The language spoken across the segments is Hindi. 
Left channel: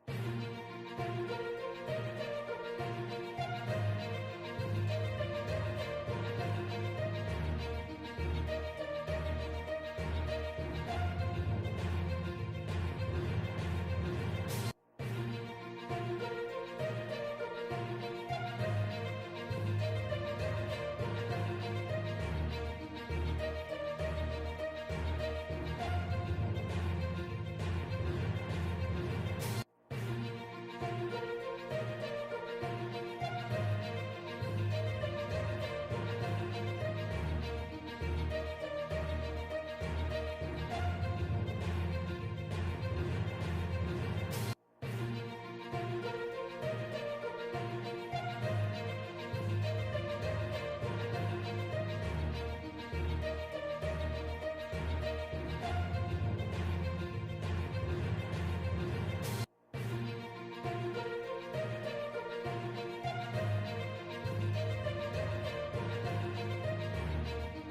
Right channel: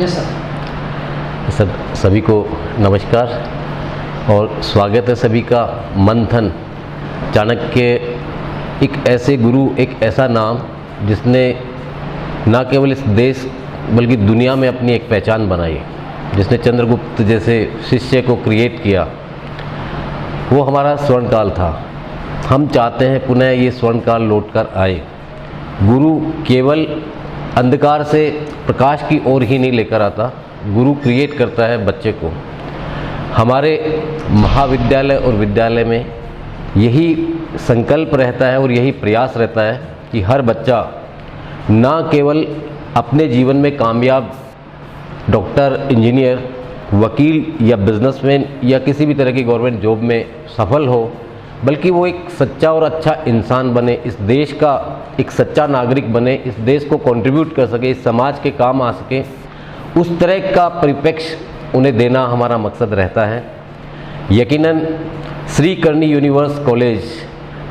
Yes sir. सब सभी को नमस्कार और स्वागत है सभी का। मंथन चाणक्य एक ऐसे गुरु, एक ऐसा नाम जिसने न केवल इस देश बल्कि दुनिया में अपनी एक पहचान बनाई, जिसने चंद्रगुप्त जैसे शिष्य को क्रिएट किया। वो हमारा स्वर्णकाल था। हम चाहते हैं पुनः ये स्वर्णकाल लौट कर आए। गुरु केवल अंधकार से प्रकाश की ओर ही नहीं लेकर आता, गुरु क्रिएट करता है बच्चे को। हमारे महाविद्यालय और विद्यालय में यही संकल्प रहता है और यही प्रयास रहता है कि हर बच्चा ना केवल अपने जीवन में कामयाब डॉक्टर, इंजीनियर, वकील या बिजनेसमैन या किसी भी तरह की गवर्नमेंट जॉब में सफल हो, बल्कि वो एक सच्चा और अच्छा इंसान बने, इस देश का एक सच्चा नागरिक बने, इस देश को कंट्रीब्यूट कर सके, इस समाज के काम आ सके। उस तरह का परिप्रेक्ष्य उन्हें देना हमारा मकसद रहता है। यकीनन श्री करणी यूनिवर्स कॉलेज,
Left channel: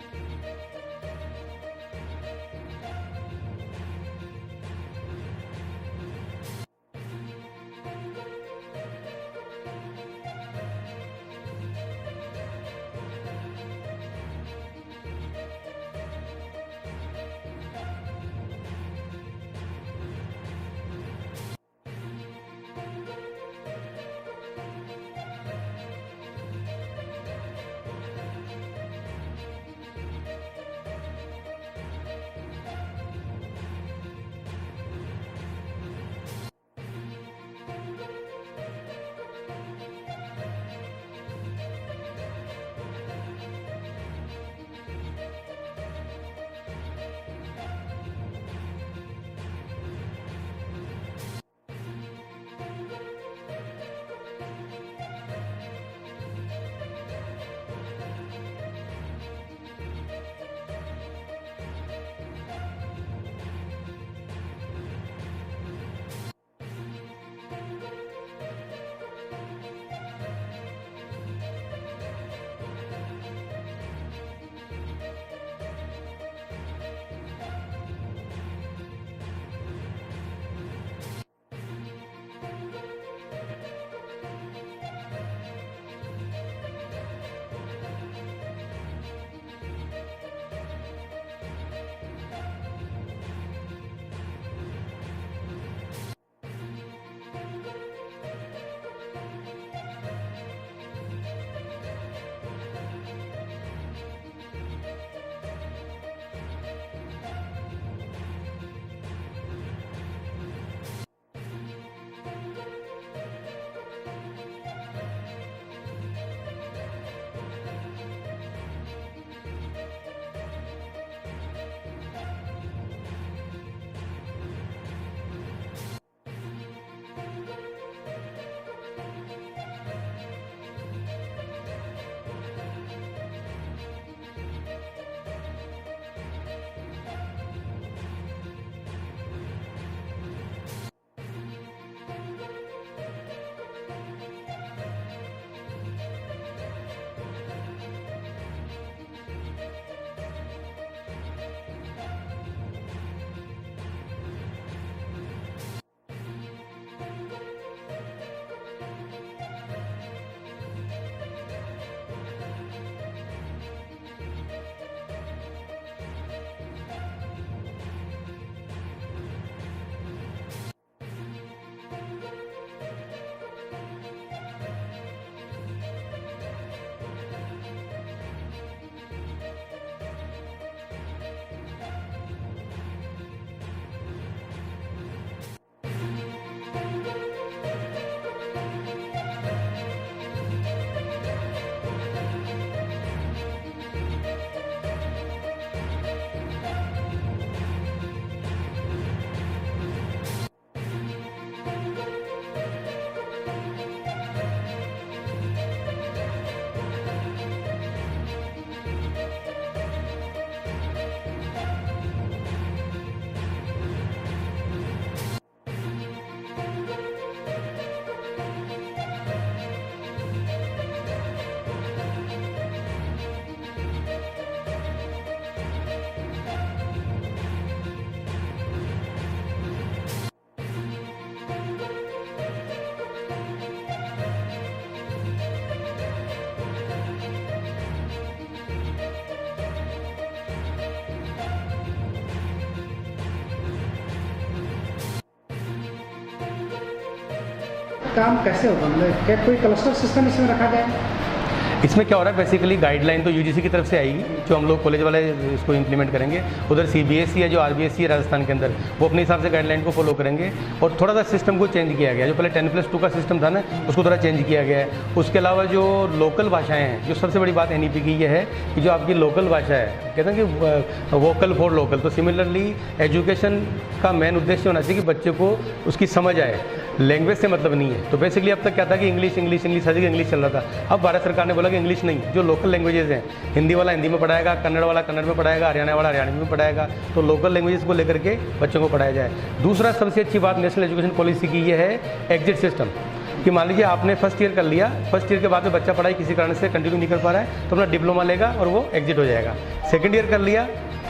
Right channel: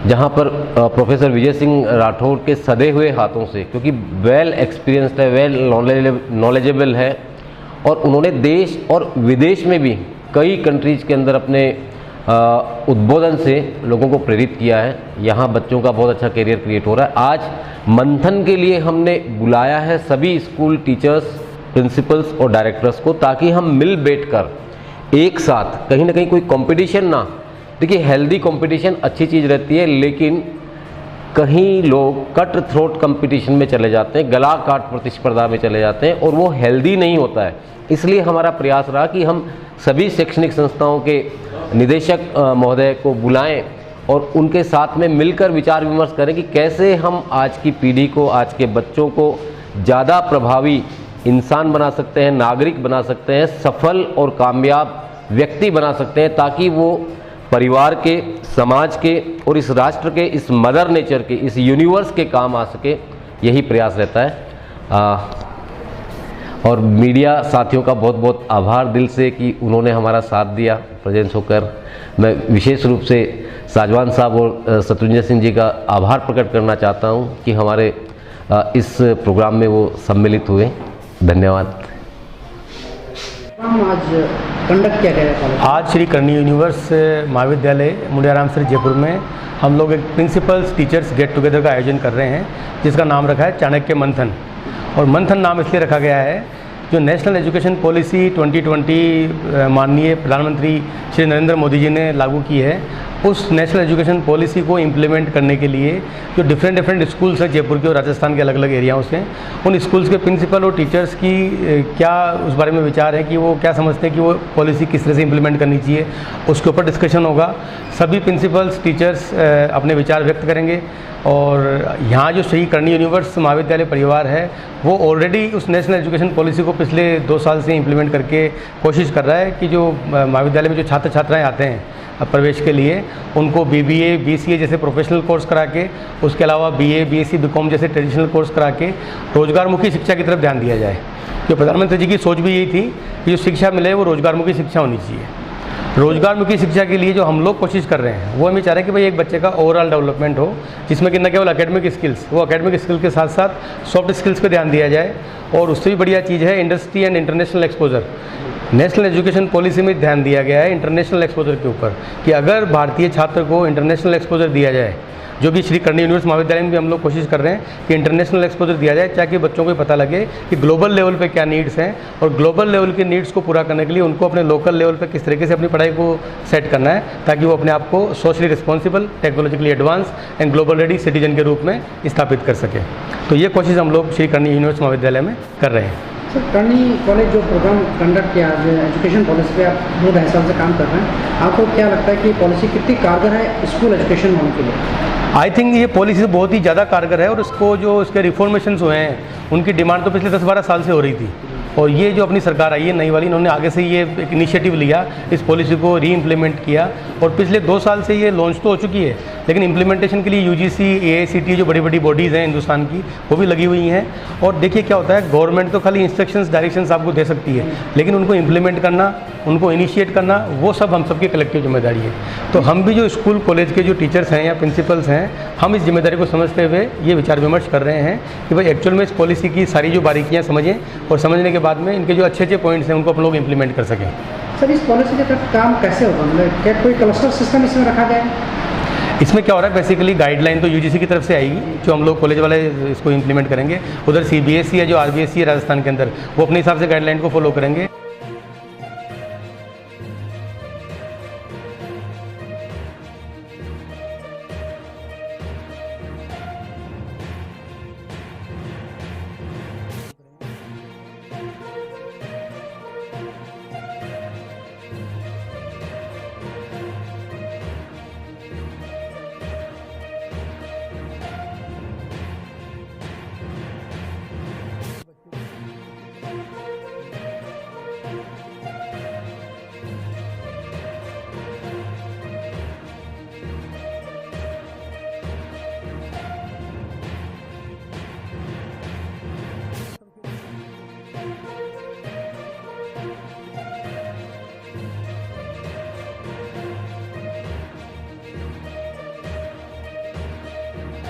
जहाँ पर प्रोफेसर विजय सिंह राठौर के सधे हुए हाथों से, क्योंकि वेल एक्सपीरियंस्ड है, वेल नॉलेजेबल है और उन्होंने देश और विदेश में भी कई कंट्रीज़ के अंदर अपने उद्बोधन से लोगों को प्रेरित किया है। यहाँ बच्चों का बहुत अच्छा करियर क्रिएट हो रहा है। आज मंथन के लिए हमने बुलाया है सभी स्कूल टीचर्स, प्रिंसिपल्स और डायरेक्टर्स को, ताकि हम मिल बैठकर एक साथ, कहीं ना कहीं कोई कंपटीशन ना, देखिए हेल्दी कंपटीशन अच्छी चीज़ रहती है, लेकिन कहीं लोग कट थ्रोट कंपटीशन में चले जाते हैं, गला काट प्रतिस्पर्धा में चले जाते हैं और वो हेल्दी नहीं होता है। इसलिए हमारा प्रयास रहा कि हम सभी शैक्षणिक संस्थाओं के निदेशक महोदय को बुलाएं और उनके साथ में मिलकर विचार विमर्श करें कि कैसे हम आज की पीढ़ी को, आज के बच्चों को ज़्यादा प्रभावी इंसान बना सकते हैं, नागरिक बना सकते हैं, सफल और कामयाब व्यक्ति बना सकते हैं, ताकि वो परिवार के, समाज के और इस राष्ट्र के, इस मदर नेचर के, इस यूनिवर्स के काम आ सके। यही प्रयास रहता है। और मीडिया साथियों का बहुत बहुत आभार दिल से कि उन्होंने हमारा साथ दिया प्रेजेंस होकर। मैं विशेष रूप से साजवान साहब और शत्रुंजय सिंह जी का आभार प्रकट करना चाहता हूं कि हमारे इस प्रोग्राम में वो सम्मिलित हुए। धन्यवाद। आज कंडक्ट किया गया आज श्री करणी यूनिवर्स महाविद्यालय मुंडियाराम सर जयपुर में हम लोग एक प्रिंसिपल्स टीचर्स गेट टुगेदर का आयोजन कर रहे हैं, जिसका नाम रखा है चाणक्य मंथन। और मंथन नाम इसलिए रखा गया है, जो नेशनल एजुकेशन पॉलिसी 2020 माननीय प्रधानमंत्री श्री नरेंद्र मोदी जी ने लागू की है, उस नेशनल एजुकेशन पॉलिसी को इम्प्लीमेंट करने के लिए जो डिफरेंट स्कूल्स हैं जयपुर के और राजस्थान के अलग अलग एरियाओं से, उन स्कूल्स के प्रिंसिपल और टीचर्स की क्या उस बारे में विचार है कि वो क्या समझते हैं कि वो पॉलिसी किस तरह से इम्प्लीमेंट करनी चाहिए, उसके ऊपर डिस्कशन होगा। सभी प्रिंसिपल्स, टीचर्स अपने विचार व्यक्त करेंगे और यहाँ जो श्री करणी यूनिवर्स महाविद्यालय परिवार है वो ऑलरेडी उस नेशनल एजुकेशन पॉलिसी को पिछले 2 साल से इम्प्लीमेंट करके कोशिश कर रहा है कि जो महाविद्यालय में जो छात्र छात्राएँ आते हैं प्रवेश के लिए, उनको BBA, BCA जैसे प्रोफेशनल कोर्स करा के, उसके अलावा BA, BSc, BCom जैसे ट्रेडिशनल कोर्स करा के रोजगारमुखी शिक्षा की तरफ ध्यान दिया जाए। जो प्रधानमंत्री जी की सोच भी यही थी कि जो शिक्षा मिले वो रोजगारमुखी शिक्षा होनी चाहिए। रोजगारमुखी शिक्षा के लिए जो हम लोग कोशिश कर रहे हैं वो हम ये चाह रहे हैं कि भाई एक बच्चे का ओवरऑल डेवलपमेंट हो, जिसमें कि न केवल एकेडमिक स्किल्स, वो एकेडमिक स्किल के साथ साथ सॉफ्ट स्किल्स पे ध्यान दिया जाए। और उससे भी बढ़िया चीज़ है industry and international exposure. National education policy में ध्यान दिया गया है इंटरनेशनल एक्सपोजर के ऊपर, कि अगर भारतीय छात्र को इंटरनेशनल एक्सपोजर दिया जाए, जो कि श्री करणी यूनिवर्स महाविद्यालय में भी हम लोग कोशिश कर रहे हैं कि इंटरनेशनल एक्सपोजर दिया जाए, ताकि बच्चों को पता लगे कि ग्लोबल लेवल पे क्या नीड्स हैं और ग्लोबल लेवल के नीड्स को पूरा करने के लिए उनको अपने लोकल लेवल पे किस तरीके से अपनी पढ़ाई को सेट करना है, ताकि वो अपने आप को socially responsible, technologically advance and global ready citizen के रूप में स्थापित कर सके। तो ये कोशिश हम लोग श्री करणी यूनिवर्स महाविद्यालय में कर रहे हैं। सर, करणी कॉलेज जो प्रोग्राम कंडक्ट किया, जो एजुकेशन पॉलिसी पे आप 2 ढाई साल से काम कर रहे हैं, आपको क्या लगता है कि पॉलिसी कितनी कारगर है स्कूल एजुकेशन होने के लिए? आई थिंक ये पॉलिसी बहुत ही ज़्यादा कारगर है और उसको जो इसके रिफॉर्मेशंस हुए हैं उनकी डिमांड तो पिछले 10-12 साल से हो रही थी। और ये जो अपनी सरकार आई है नई वाली, इन्होंने आगे से ये एक इनिशिएटिव लिया, इस पॉलिसी को री इम्प्लीमेंट किया और पिछले 2 साल से ये लॉन्च तो हो चुकी है, लेकिन इम्प्लीमेंटेशन के लिए UGC, AICTE जो बड़ी बड़ी बॉडीज़ हैं हिंदुस्तान की, वो भी लगी हुई हैं। और देखिए क्या होता है, गवर्नमेंट तो खाली इंस्ट्रक्शंस, डायरेक्शंस आपको दे सकती है, लेकिन उनको इम्प्लीमेंट करना, उनको इनिशिएट करना, वो सब हम सबकी कलेक्टिव जिम्मेदारी है। तो हम भी जो स्कूल कॉलेज के जो टीचर्स हैं या प्रिंसिपल्स हैं, हम इस जिम्मेदारी को समझते हुए ये विचार विमर्श कर रहे हैं कि भाई एक्चुअल में इस पॉलिसी की सारी जो बारीकियाँ समझें और समझने के बाद में इनके जो अच्छे अच्छे पॉइंट्स हैं उनको आप लोग इम्प्लीमेंट कर सकें। सर इस पॉलिसी के तहत काम कैसे होगा, मतलब क्या कोई क्लस्टर सिस्टम इसमें रखा गया है? इसमें क्या हो रहा है, बेसिकली गाइडलाइन तो यूजीसी की तरफ से आएगी, जो हम लोग कॉलेज वाले इसको इम्प्लीमेंट करेंगे। उधर सीबीएसई है जो आरबीएसई है राजस्थान के अंदर, वो अपने हिसाब से गाइडलाइन को फॉलो करेंगे। काम कैसे होगा, मतलब क्या कोई क्लस्टर सिस्टम इसमें रखा गया है? इसमें क्या हो रहा है, बेसिकली गाइडलाइन तो यूजीसी की तरफ से आएगी, जो हम लोग कॉलेज वाले इसको इम्प्लीमेंट करेंगे। उधर सीबीएसई है जो आरबीएसई है राजस्थान के अंदर, वो अपने हिसाब से गाइडलाइन को फॉलो करेंगे। और थोड़ा सा सिस्टम को चेंज किया गया, जो पहले 10+2 का सिस्टम था ना, उसको थोड़ा चेंज किया गया है। उसके अलावा जो लोकल भाषाएँ हैं, जो सबसे बड़ी बात एनईपी की ये है कि जो आपकी लोकल भाषा है, कहते हैं कि वोकल फॉर लोकल, तो सिमिलरली एजुकेशन का मेन उद्देश्य होना चाहिए कि बच्चे को उसकी समझ आए, लैंग्वेज से मतलब नहीं है। तो बेसिकली अब तक क्या था कि इंग्लिश इंग्लिश इंग्लिश हर जगह इंग्लिश चल रहा था। अब भारत सरकार ने बोला कि इंग्लिश नहीं, जो लोकल लैंग्वेजेस हैं, हिंदी वाला हिंदी में पढ़ाएगा, कन्नड़ वाला कन्नड़ में पढ़ाएगा, हरियाणा वाला हरियाणवी में पढ़ाएगा, तो लोकल लैंग्वेजेस को लेकर के बच्चों को पढ़ाया जाए। दूसरा सबसे अच्छी बात नेशनल एजुकेशन पॉलिसी की ये है एग्जिट सिस्टम, कि मान लीजिए आपने फर्स्ट ईयर कर लिया, फर्स्ट ईयर के बाद में बच्चा पढ़ाई किसी कारण से कंटिन्यू नहीं कर पा रहा है, तो अपना डिप्लोमा लेगा और वो एग्जिट हो जाएगा। सेकेंड ईयर कर लिया,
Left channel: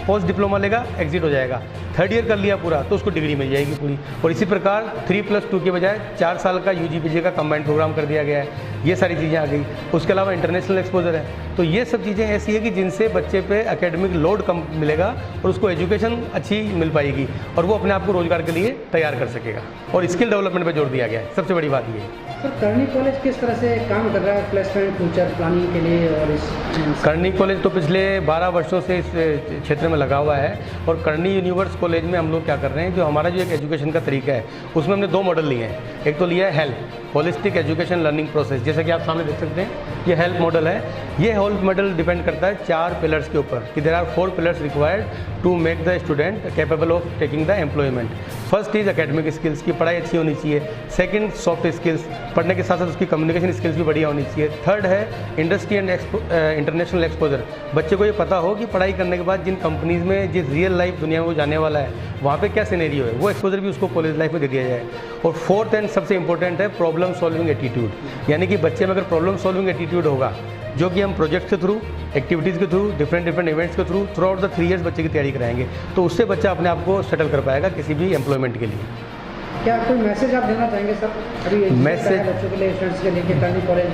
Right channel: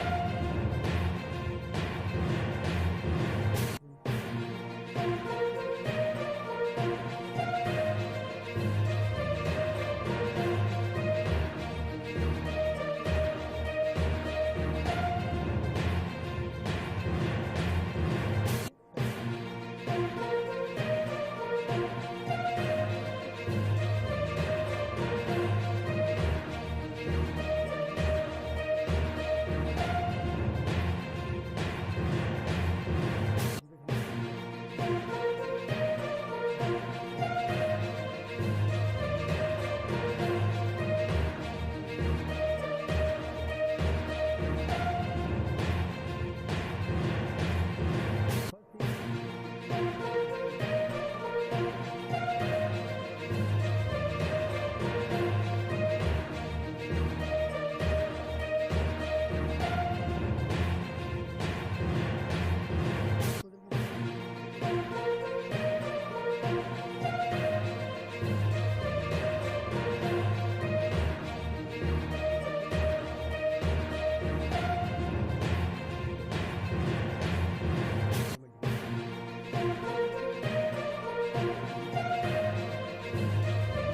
पोस्ट डिप्लोमा लेगा, एग्जिट हो जाएगा। थर्ड ईयर कर लिया पूरा, तो उसको डिग्री मिल जाएगी पूरी। और इसी प्रकार 3+2 के बजाय 4 साल का यूजीपीजी का कंबाइंड प्रोग्राम कर दिया गया है। ये सारी चीज़ें आ गई। उसके अलावा इंटरनेशनल एक्सपोजर है, तो ये सब चीज़ें ऐसी है कि जिनसे बच्चे पे एकेडमिक लोड कम मिलेगा और उसको एजुकेशन अच्छी मिल पाएगी और वो अपने आप को रोजगार के लिए तैयार कर सकेगा। और स्किल डेवलपमेंट पर जोर दिया गया है, सबसे बड़ी बात ये है। सर करनी कॉलेज किस तरह से काम कर रहा है प्लेसमेंट फ्यूचर प्लानिंग के लिए? और इस करनी कॉलेज तो पिछले 12 वर्षों से इस क्षेत्र में लगा हुआ है। और करनी यूनिवर्स कॉलेज में हम लोग क्या कर रहे हैं, जो हमारा जो एक एजुकेशन का तरीका है उसमें हमने 2 मॉडल लिए हैं। एक तो लिया है help holistic education learning process, जैसा कि आप सामने देख सकते हैं, ये हेल्प मॉडल है। ये हेल्प मॉडल डिपेंड करता है 4 पिलर्स के ऊपर, कि there are 4 pillars required to make the student capable of taking the employment. First is academic skills, की पढ़ाई अच्छी होनी चाहिए। सेकंड सॉफ्ट स्किल्स, पढ़ने के साथ साथ उसकी कम्युनिकेशन स्किल्स भी बढ़िया होनी चाहिए। थर्ड है इंडस्ट्री एंड इंटरनेशनल एक्सपोजर, बच्चे को ये पता हो कि पढ़ाई करने के बाद जिन कंपनीज़ में जिस रियल लाइफ दुनिया में वो जाने वाला है वहाँ पे क्या सिनेरियो है, वो एक्सपोजर भी उसको कॉलेज लाइफ में दे दिया जाए। और फोर्थ एंड सबसे इंपॉर्टेंट है प्रॉब्लम सॉल्विंग एटीट्यूड, यानी कि बच्चे में अगर प्रॉब्लम सॉल्विंग एटीट्यूड होगा, जो कि हम प्रोजेक्ट के थ्रू, एक्टिविटीज़ के थ्रू, डिफरेंट इवेंट्स के थ्रू आउट द 3 ईयर्स बच्चे की तैयारी कराएंगे, तो उससे बच्चा अपने आप को सेटल कर पाएगा किसी भी एम्प्लॉयमेंट के लिए। क्या कोई मैसेज आप देना चाहेंगे सर अभी मैसेज बच्चों के लिए, स्टूडेंट्स के लिए, कि करनी कॉलेज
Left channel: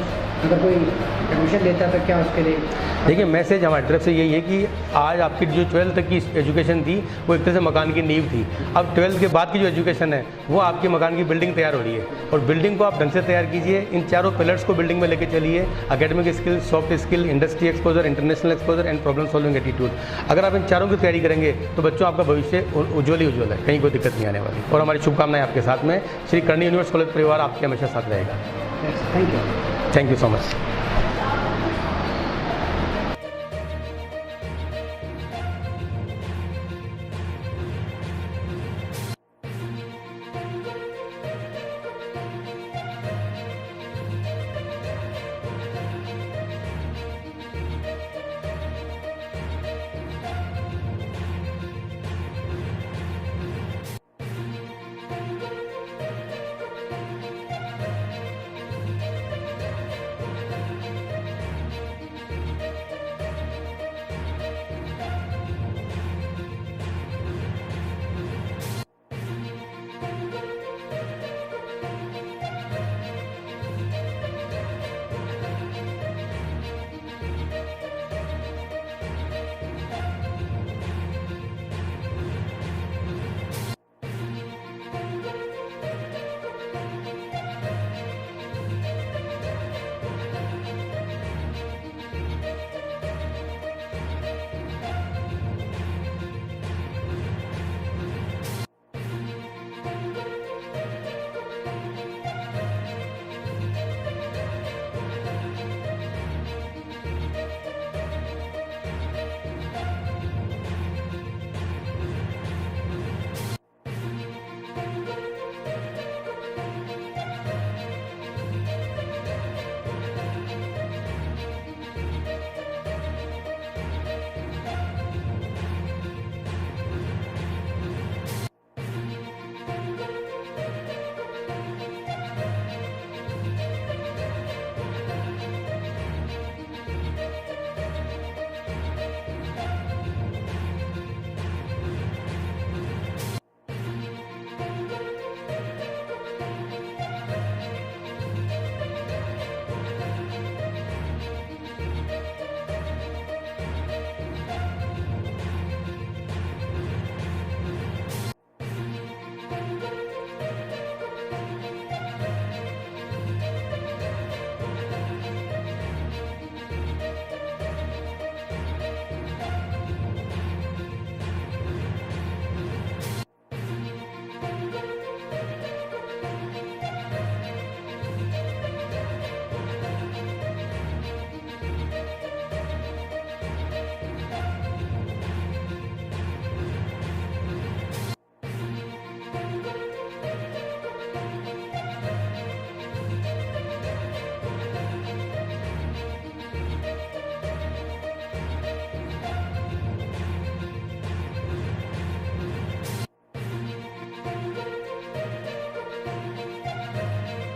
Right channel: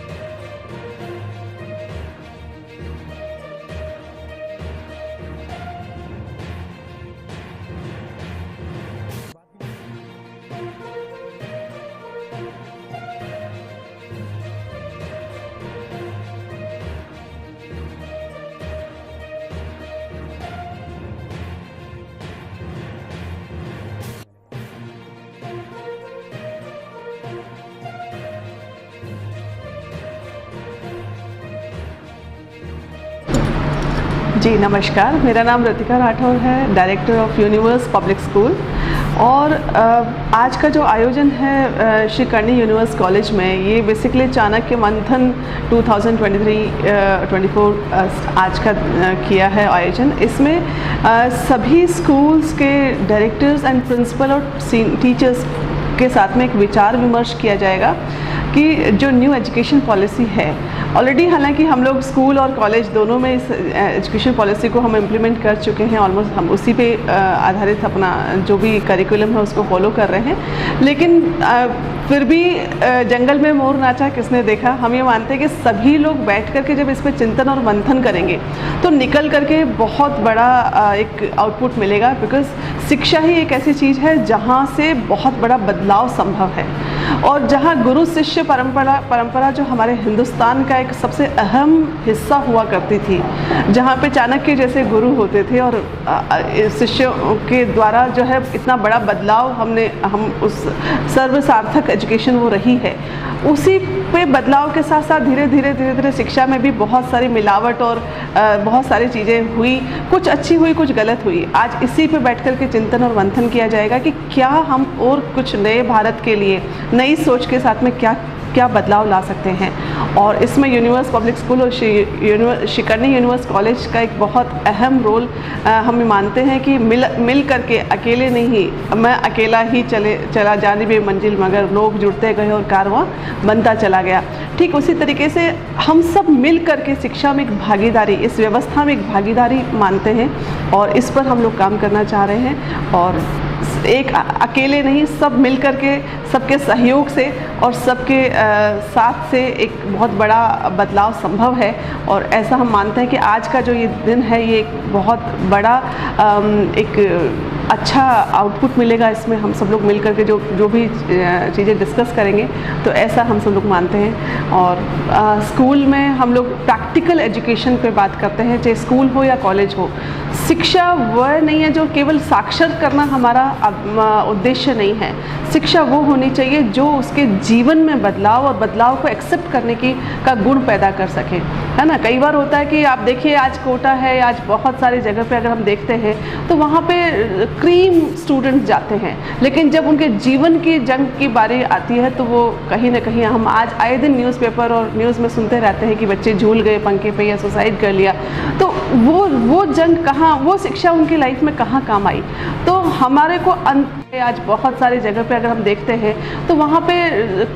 अगर कोई एडमिशन लेता है तो क्या उसके लिए? देखिए मैसेज हमारी तरफ से यही है कि आज आपकी जो 12th तक की एजुकेशन थी वो एक तरह से मकान की नींव थी। अब 12th के बाद की जो एजुकेशन है वो आपके मकान की बिल्डिंग तैयार हो रही है, और बिल्डिंग को आप ढंग से तैयार कीजिए। इन 4 पिलर्स को बिल्डिंग में लेके चलिए, academic skill, soft skill, industry exposure, international exposure and problem solving attitude. अगर आप इन 4 की तैयारी करेंगे तो बच्चों आपका भविष्य उज्ज्वल ही उज्ज्वल है, कहीं कोई दिक्कत नहीं आने वाली। और हमारी शुभकामनाएं आपके साथ में। श्री करनी यूनिवर्स कॉलेज परिवार आपके हमेशा साथ रहेगा। Thank you so much. जी नमस्कार, मेरा नाम रतिका राठौर है, director of universe public school. और आज का जो आयोजन है श्री करनी यूनिवर्स कॉलेज में, ये बेसिकली चाणक्य मंथन 2023-24 आज का किया है आयोजन। इसमें सभी स्कूल्स के डायरेक्टर्स एंड प्रिंसिपल और टीचर्स के साथ में एक विचार विमर्श किया जाएगा कि जो न्यू एजुकेशन पॉलिसी है, ऑलरेडी हालांकि हम लोग स्कूल और कॉलेज दोनों में इस एजुकेशन पॉलिसी को हम इम्प्लीमेंट कर चुके हैं, ऑलमोस्ट हम उसी पे आधारित अपना जो भी करिकुलम है उसको फॉलो कर रहे हैं। लेकिन फिर भी जंगल में मोर नाचा किसने देखा, हम ये मानते हैं कि सभी लोग बैठ कर के जब इस पर चिंतन और मंथन करेंगे तो निकल करके बहुत बड़ा एक आउटपुट मिलेगा। बिकॉज शिक्षा ही एक ऐसी चीज़ है जहाँ से बहुत बड़ा बदलाव संभव है, और जहाँ गुरु शिष्य परंपरा जो हमारे हिंदुस्तान का एक सबसे अहम हिस्सा हुआ करती थी, जहाँ पे चाणक्य जैसे गुरु होते थे और शिष्यों के द्वारा जो है इतना बड़ा बदलाव हम उस सर्वसार्थक एजुकेशन वो रही है, उसी पे बदलाव के साथ साथ धीरे धीरे शिक्षा में भी बहुत सारी मिलावट और बहुत सारी चीज़ें हुई, कुछ अच्छी हुई कुछ गलत हुई। आज इसी पे बैठ कर के चिंतन और मंथन किया जाएगा कि क्या हम और कुछ नए भारत के लिए नई सोच के साथ में क्या बदलाव ला सकते हैं। और इसमें यूनिवर्स पब्लिक स्कूल और श्री करनी यूनिवर्स कॉलेज का एक बहुत अहम रोल हम मानते हैं कि मिल करके, अकेले नहीं, मैं अकेला ही चला जानिबे मंजिल मगर लोग जुड़ते गए और कारवां बनता चला गया। ठीक उसी तरीके से हम सब मिल करके शिक्षा में एक भागीदारी, इस व्यवस्था में एक भागीदारी मानते हैं और इस पर हम लोग काम करना चाह रहे हैं। और एक अकेले नहीं, सब मिल कर के, सबके सहयोग से और सबके साथ से एक बहुत बड़ा बदलाव संभव है। और ऐसा हम मानते हैं कि आज का जो ये दिन है, ये एक बहुत बड़ा एक अच्छा आउटपुट मिलेगा इसमें। हम सब लोग मिल कर के जो भी चीज़ें डिस्कस करेंगे, तो ऐसा हम सब लोग मानते हैं। और स्कूल में हम लोग प्रैक्टिकल एजुकेशन पे बात करते हैं, चाहे स्कूल हो या कॉलेज हो। शिक्षा वह नहीं है जो केवल साक्षर करना हमारा उद्देश्य नहीं है। शिक्षा वो होनी चाहिए जो उसके जीवन में बदलाव और बदलाव को एक्सेप्ट करने का गुण पैदा कर सके, है ना। कई बार होता है कि आप देखिए, आज कोटा है, आज बहुत सारी जगह पे अगर हम देखते हैं तो वहाँ पे क्रीम स्टूडेंट्स जाते हैं, लेकिन जब उनके जीवन की जंग की बारी आती है तो वो कहीं ना कहीं, हम आज आए दिन न्यूज़पेपर और न्यूज़ में सुनते रहते हैं कि बच्चे झूल गए पंखे पे या सुसाइड कर लिया। तो वो जंग कहाँ, वो शिक्षा उनकी लाइफ में कहाँ काम आई। तो हमारे को आज बहुत सारी जगह पे अगर हम देखते हैं तो वहाँ पे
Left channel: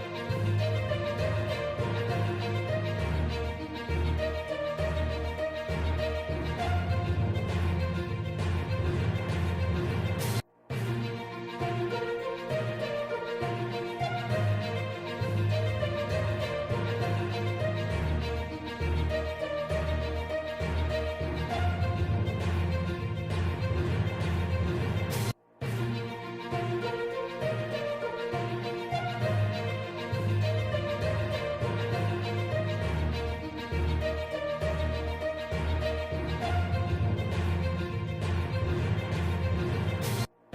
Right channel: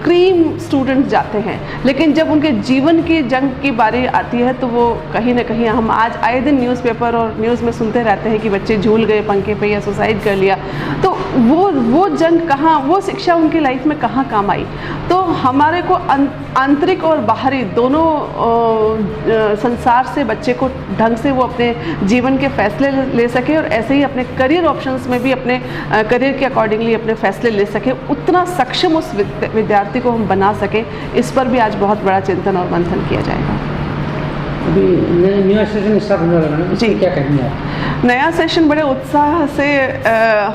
क्रीम स्टूडेंट्स जाते हैं, लेकिन जब उनके जीवन की जंग की बारी आती है तो वो कहीं ना कहीं, हम आज आए दिन न्यूज़पेपर और न्यूज़ में सुनते रहते हैं कि बच्चे झूल गए पंखे पे या सुसाइड कर लिया। तो वो जंग कहाँ, वो शिक्षा उनकी लाइफ में कहाँ काम आई। तो हमारे को आंतरिक और बाहरी दोनों संसार से बच्चे को ढंग से वो अपने जीवन के फैसले ले सके, और ऐसे ही अपने करियर ऑप्शंस में भी अपने करियर के अकॉर्डिंगली अपने फैसले ले सके, उतना सक्षम उस विद्यार्थी को हम बना सके। इस पर भी आज बहुत बड़ा चिंतन और मंथन किया जाएगा। अभी नया सेशन स्टार्ट होने वाला है जी, क्या कहेंगे आप? नया सेशन बड़े उत्साह से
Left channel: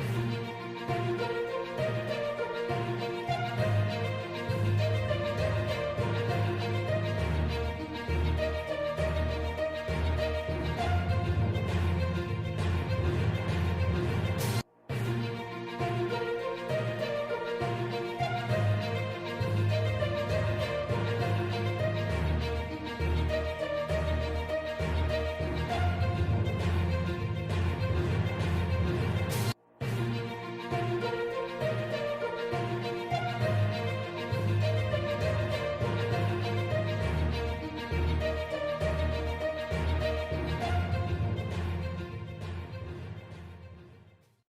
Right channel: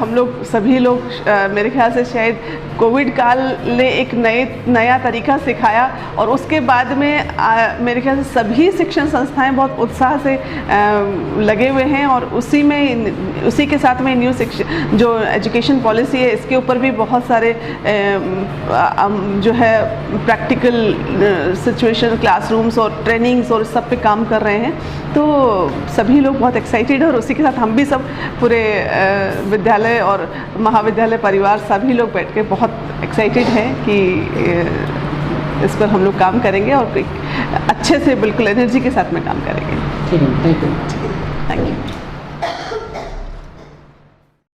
हम लोग सभी लोग मेरे ख्याल से शायद कोविड काल ने एक नया तरीका सिखाया, और उसके बाद में मेरे ख्याल से सभी शिक्षण संस्थाएं बहुत उत्साह से लगे हुए हैं। और उसी के साथ में न्यू शिक्षण जो एजुकेशन पॉलिसी है, इसके ऊपर भी बहुत सारे जो है प्रैक्टिकल सिचुएशन, क्लासरूम्स और ट्रेनिंग्स और सब पे काम कर रहे हैं। तो सभी लोग बहुत एक्साइटेड हैं, और उसी के साथ हम भी सब पूरे विद्यालय और महाविद्यालय परिवार सभी लोग बैठ के बहुत एक्साइटेड हैं कि इस पर हम लोग काम करेंगे और अच्छे से बिल्कुल एनर्जी के साथ में काम करेंगे। ठीक है, थैंक यू। Thank you.